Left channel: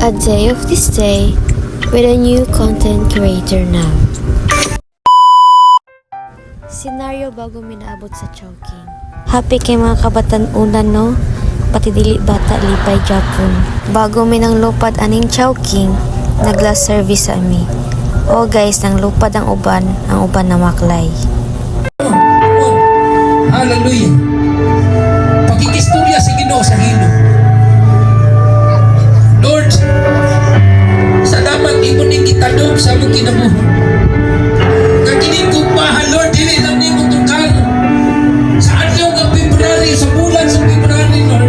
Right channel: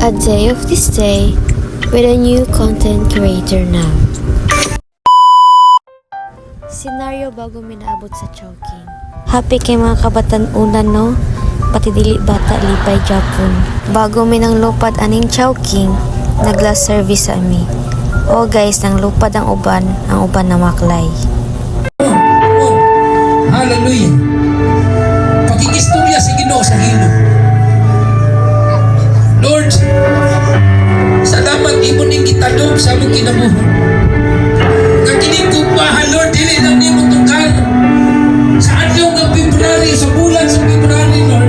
A day of this day with a new content creator now. Senaryo bago minaabot sa Chowking. Happy kay mga kabatan-unan no? Pati dili bata lipay Japon. Bago minang lupad aning Chowking, nag-last service sa ami. O guys, nang lupad ang uban na maklay. Hallelujah. Pakikistorya sa Ginoo sa hino. Lord, salamat imo ning gitanong sa among kinabuhi. Kakining kumpahan, Lord, dili lang nimo tukar. Sa adlaw nga February, sa bulan sa February, Lord,